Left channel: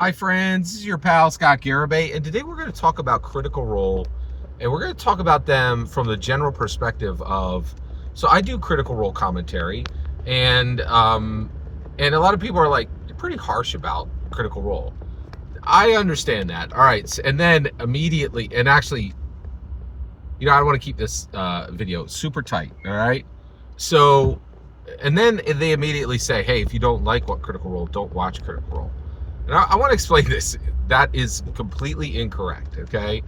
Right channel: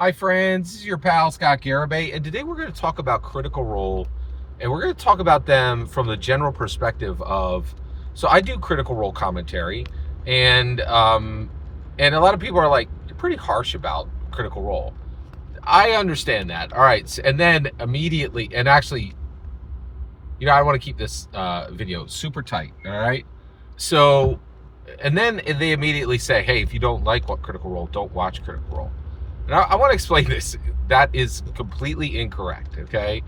Hi friends, this is your pal Scott Garibay, and today we're going to talk about Critical Role, and we're going to talk about them from the general perspective of, so I do Critical Role commentary, and a lot of people are like, you're pretty harsh about Critical Role. I understand that. All right, and then immediately, and actually, I want to keep this video super tight, all right? So, and then they immediately say, hey, if you don't like what Critical Role, don't watch Critical Role. Now, I want to explain this. That is completely incorrect, okay?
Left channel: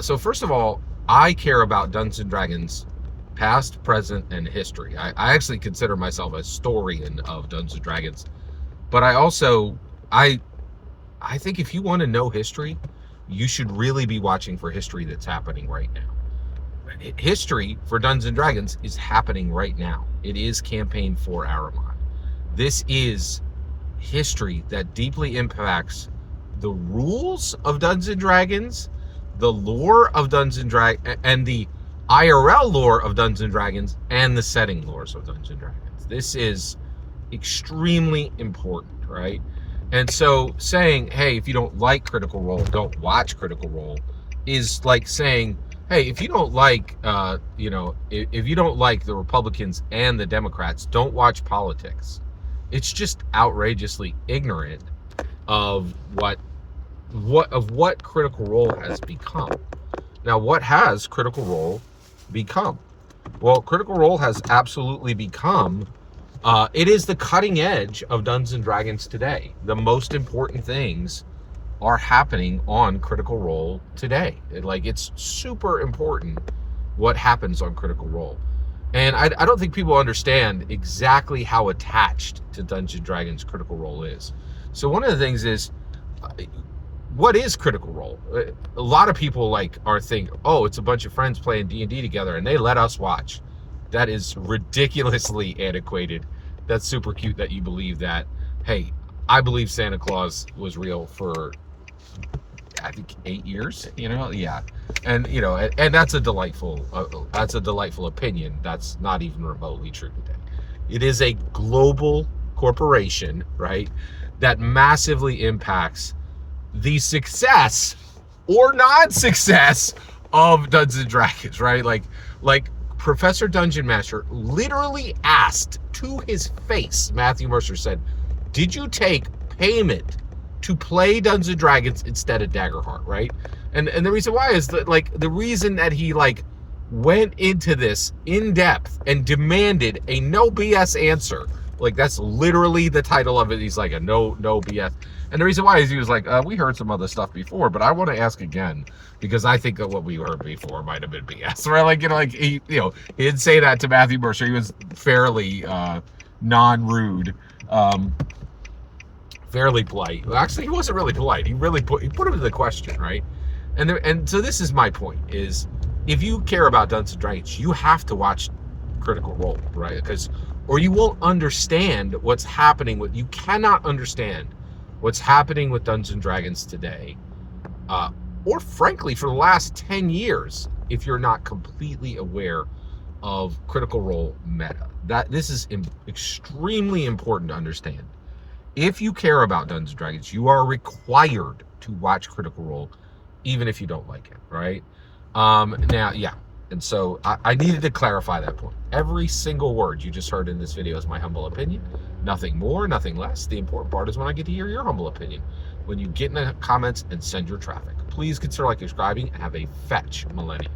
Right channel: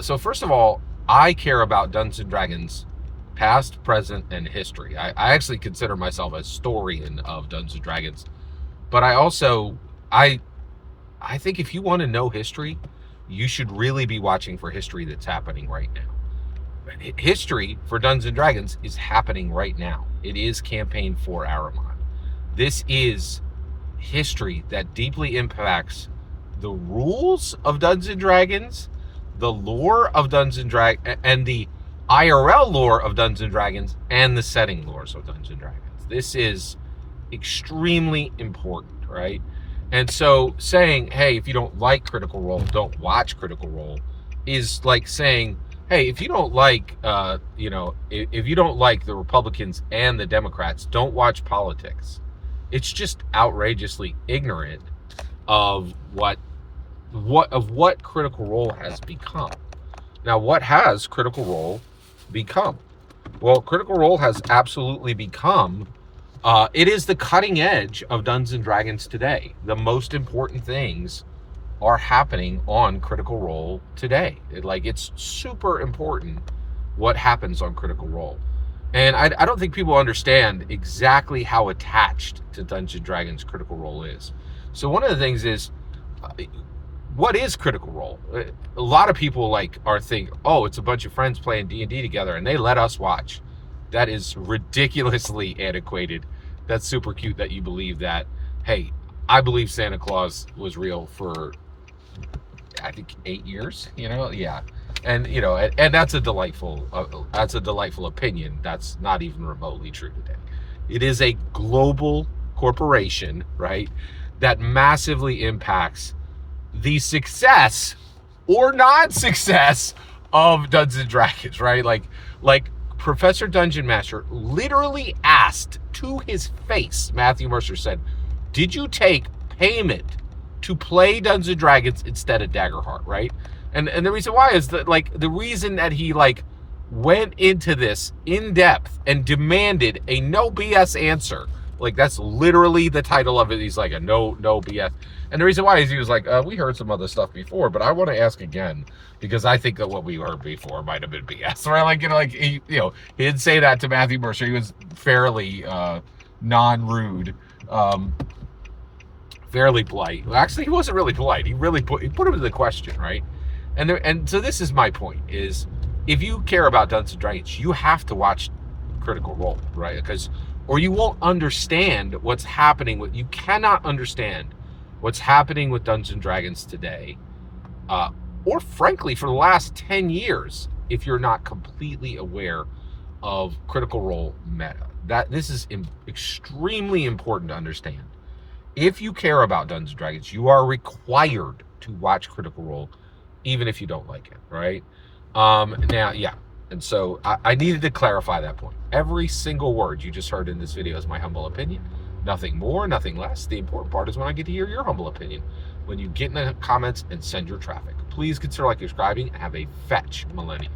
So first of all, I care about Dungeons & Dragons past, present, and history. I actually consider myself a historian of Dungeons & Dragons. But I also, I think if you want to know history, you should really be watching for history that's happening right now. History for Dungeons & Dragons is happening right now. It is Campaign 4 Aramon. This is history that deeply impacts the rules of Dungeons & Dragons, the lore of Dungeons & Dragons, and the IRL lore of Dungeons & Dragons, and the setting lores of Dungeons & Dragons. This is extremely important, right? And so saying, hey, if you don't like Critical Role, don't watch Critical Role, is like saying, hey, if you don't like, if you don't like the Republicans and the Democrats, don't watch politics. It's just outrageously ignorant of what Critical Role has become. Now, what has Critical Role become? Well, Critical Role has absolutely become, it is the cutting edge of Dungeons & Dragons today. The most important things are happening on Critical Role today. It's super important what happens on Critical Role. And I don't think people understand exactly how attached to Dungeons & Dragons Critical Role is. So one of the things is, what is Critical Role? A lot of people are thinking, oh, it's a bunch of friends playing D&D together and they let us watch. That is ridiculously antiquated. That's super cute that you believe that. Hey, I believe Santa Claus was real for, I think, 8 years, yeah. And and that's a delightful opinion. That's not even remotely true today. It is a global corporation, right, that massively impacts the success or non-success of Dungeons & Dragons, right? Like Professor Dungeon Master literally asked to his face, Matthew Mercer said, did you take payment to play Dungeons & Dragons instead of Daggerheart, right? And the reason why is that, the reason that he, went into this in depth and demanded a no BS answer, that's literally the title of it. He's like, a no BS. And the reason why is he was like, we heard some other stuff before, but I want to ask again, because I think that what we heard before might have been BS, right? He didn't say that to Matthew Mercer. He was fairly non-rude, fairly polite. Well, actually, he wasn't really polite. He put him to the question, right? And so this is my point: is if you care about Dungeons & Dragons, you have to watch Critical Role, right? Or you won't understand what's happening with. You cannot understand what's happening with Dungeons & Dragons today, or frankly, for the last 10 years, if you're not completely aware of Critical Role meta. This is extremely important to understand. If you care about Dungeons & Dragons, you are required to watch Critical Role, even if you don't like it, right? Now, yeah. And so I needed to clarify that point. Every single word you just heard in this video is my humble opinion. Nothing more, nothing less. The important part is when I get to hear your humble opinion. When you get in the comments and send your traffic. Please consider subscribing and have a fetch millennium.